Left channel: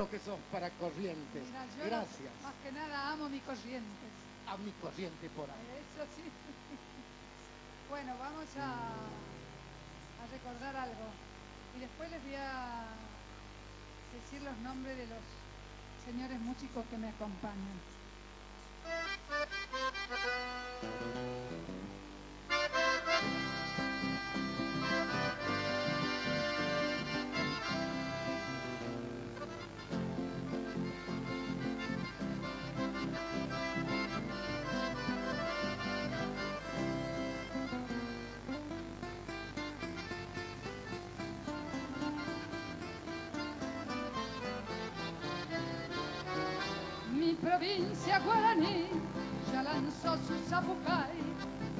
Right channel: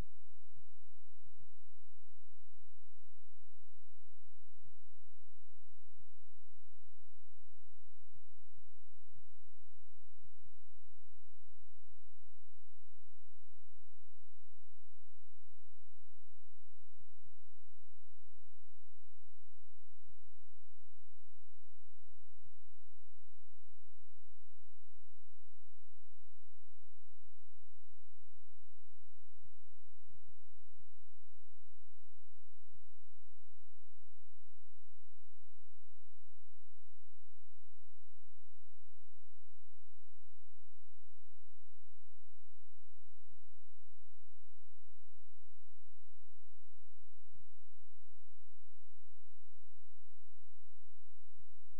lo que sos para Corrientes. Mira, yo Gracias. más que nada amo mi Corrientes. A mi Corriente por ahí. Eso sí. Bueno, vamos a recordar algo. Y después les voy a decir los nombres de los señores músicos que me acompañan. Mi provincia guaraní ya lanzó su zapucay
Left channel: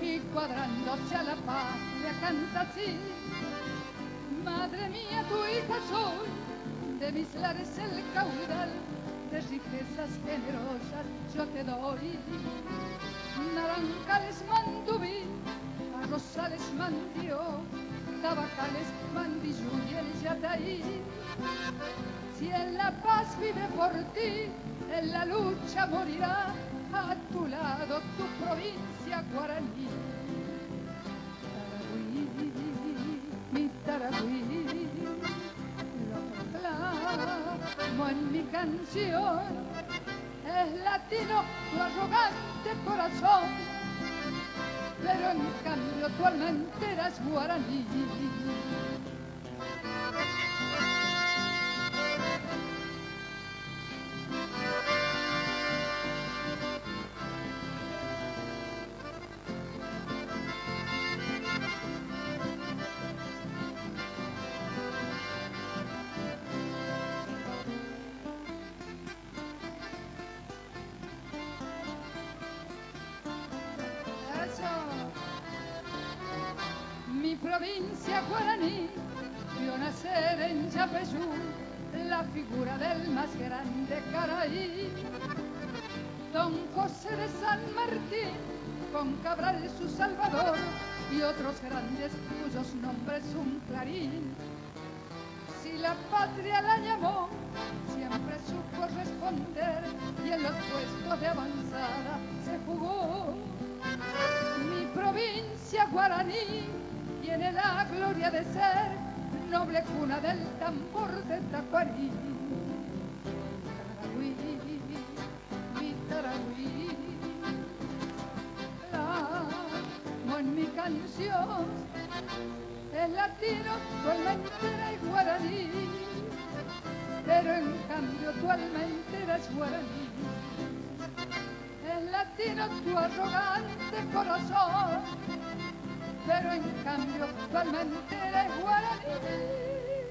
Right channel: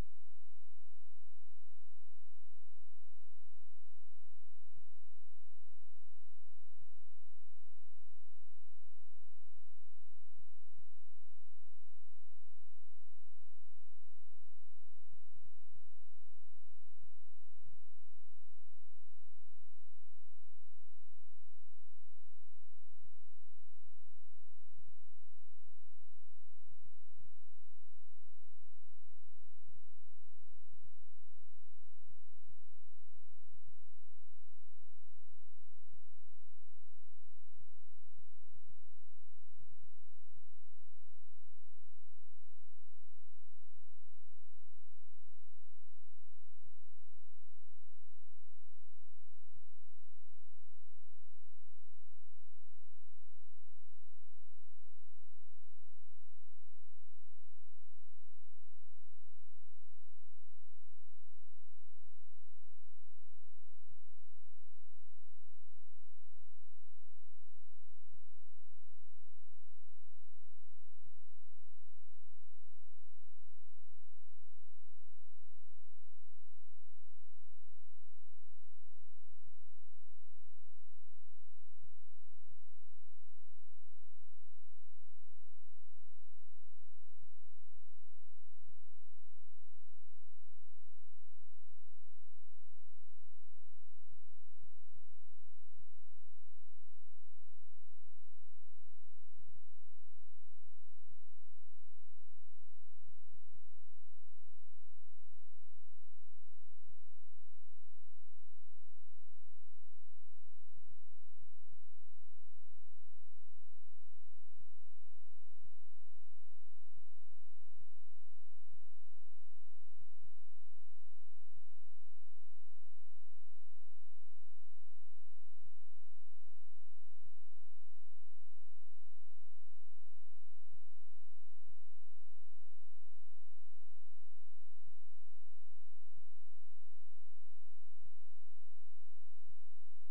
y cuadrándose a la patria canta así. Madre mía, tu hija soy, de mis lares el caudal, de riquezas generosas yo te doy. Naranjales mandubí, arrozales mandió, tabacales mandillú y el yataí. Si en La Paz vive por ti, en la lucha morirá a tu lado tu provincia guaraní. Taragüí, mi Taragüí, lo proclamo en mi canción. Es latino tu arrogante corazón, pero en cambio tu alma entera es guaraní. Mi provincia guaraní vio nacer en Yapeyú la figura del más grande Caraí, Don José de San Martín, con Cabral su salvador y otros grandes cuyos nombres un clarín. Si la patria la llamó, siempre supo responder y en los puestos de avanzada se jugó. Mi provincia guaraní tiene la gloria de ser noble cuna del tambor de Tacuarí. Taragüí, mi Taragüí, amo en mi canción, es latino, tu alma entera es guaraní, pero en cambio tu alma entera es guaraní. Es latino tu arrogante corazón, pero en cambio tu alma entera es guaraní.